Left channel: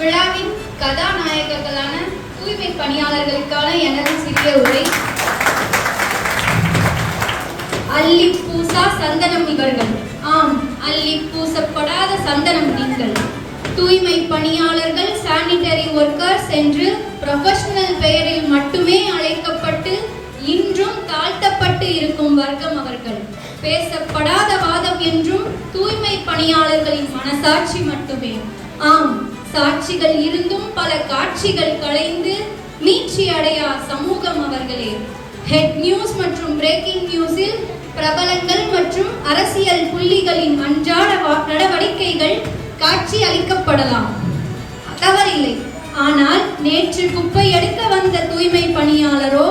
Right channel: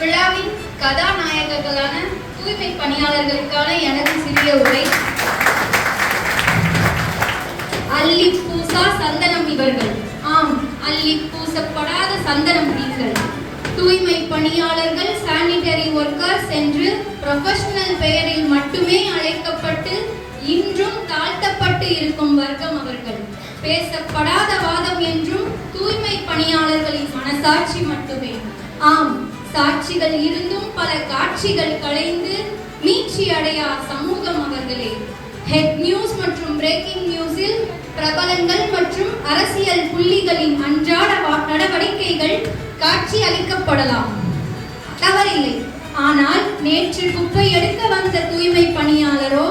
இவ்விழாவின் கதாநாயகர்களான தூய்மை பணியாளர்களுக்கான எனது சிறிய உரை. அள்ளி பூசா சந்தனம் இவர்கள். ஆம், அள்ளி பூசப்படாத சந்தனம் நீங்கள். தூய்மை பணியாளர்கள், சானிட்டரி ஒர்க்கர்ஸ் என்று ப்ரொஃபஷனல் பெயரில் மட்டுமே அழைக்கப்பட்டு இன்றும் தாழ்த்தப்பட்டு இருக்கும் வர்க்கம் அவர்கள். பேசப்படாத வாதம் என்றும் தூய்மை பணியாளர்களின் மனசாட்சி மட்டுமே. ஆம், சாட்சிகள் இருந்தும் பல காட்சிகள் களைந்து மீட்சி அடையா சமூகம் அவர்களே. ஹெட் நியூஸ் மற்றும் பிரேக்கிங் நியூஸில் பிரபலங்கள் மற்றும் அரசியல் புள்ளிகளின் அன்றாட நடவடிக்கைகள் காட்சி அளிக்கப்படலாம், தவறில்லை. ஆனால் நேற்று குப்பை எடுக்க வந்த தூய்மை பணியாளரோ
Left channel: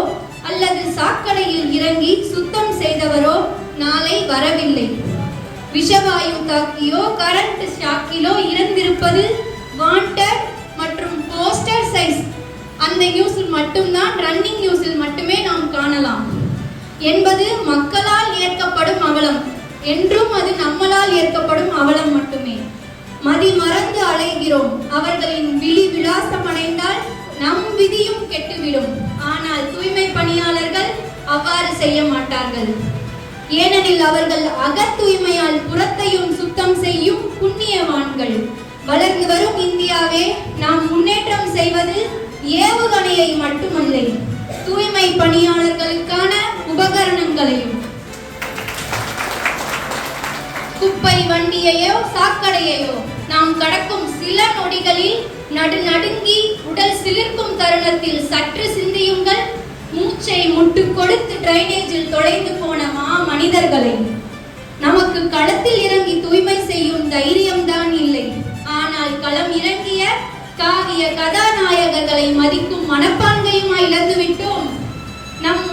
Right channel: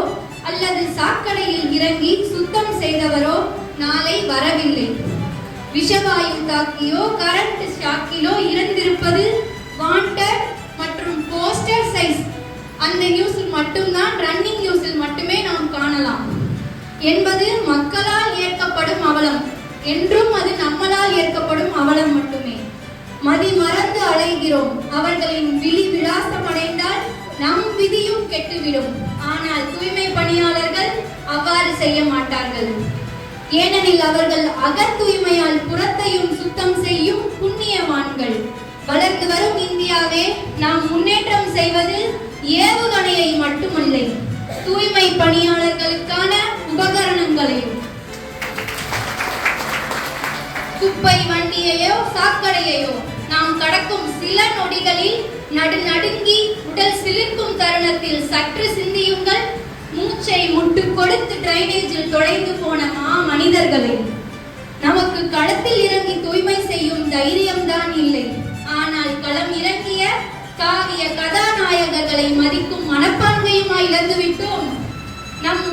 அல்லது சாக்கடையில் இறங்கி சுத்தம் செய்தவரோ நாளை வரவில்லை. விஷவாயு தாக்கியோ கரண்ட் ஸ்டாக்கிலோ இறந்திருப்பது வாண்டட் மற்றும் போஸ்டர் சைஸ் அந்த நியூஸில் மட்டும்தான், ரன்னிங் நியூஸில் மட்டுமே நாம் காணலாம் என்பது மக்களால் ஏற்கப்படும் அவலம் என்றும் அது நம்மளால் ஏற்கப்படும் அவலம் மட்டுமே. மதி மறந்து அலைகிறோம். அவர்களின் விழி விலாசம் அடைந்தால் நம் விதியும் கெட்டுவிடும். ஆனால் தூய்மை பணியாளர்கள் அவ்வாறு செய்ய மாட்டார்கள். ஏனெனில் அவர்கள் அகத் தூய்மையால் புறத்தையும் சுத்தம் செய்யும் புண்ணியவான்கள். வளர்ந்து வரும் இந்தியாவே, நாம் முன்னேற்றம் செய்வது ஏவுகணையை மட்டுமில்லை, தூய்மை பணியாளர்களுக்கான உபகரணங்களையும். குப்பை வண்டியையோ சாக்கடையையோ நாம் கடக்கும் சில நொடிகளில் நடுநடுங்கி உடல் சிலிர்க்கும் தருணத்தில் சற்று சிந்தியுங்கள். மூச்சை முட்டு கொடுத்து டிரைனேஜில் தொலைந்து போன மனிதர்களை. நமக்கு களத்தில் இறங்கி தூய்மை செய்யும் தைரியம்தான் இல்லை, ஆனால் களம் இறங்கிய காவிய கதாநாயகர்களை மதிக்கும் மனப்பான்மையுமா இழந்துவிட்டோம். நம்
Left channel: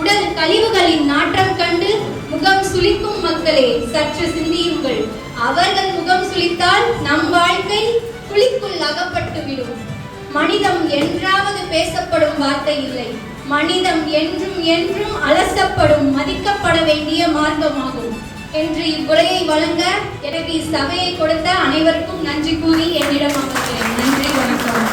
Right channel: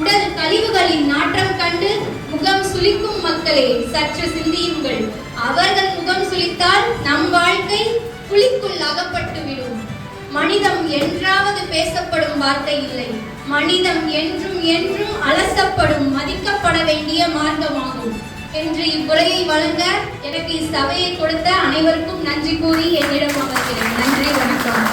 உடல் கழிவுகளின் நாற்றம் கண்டு முகம் சுளிக்கும் மக்களே, சற்று சிந்தியுங்கள். அவர்கள் முகம் சுளித்தால் நம் வாழ்க்கை குழிக்குள் அகப்பட்டுவிடும். மனிதம் என்றாவது பேசப்படும் வார்த்தை இல்லை, மனிதம் என்றும் என்றும் அலசப்படும், மதிக்கப்பட வேண்டிய மார்க்கமாகும் என்று இவ்வுரையை வழங்க எனக்கு இச்சபையை கொடுத்த அனைவருக்கும் நன்றி கூறி என்னிடம் அமர்கிறேன். நன்றி, வணக்கம்.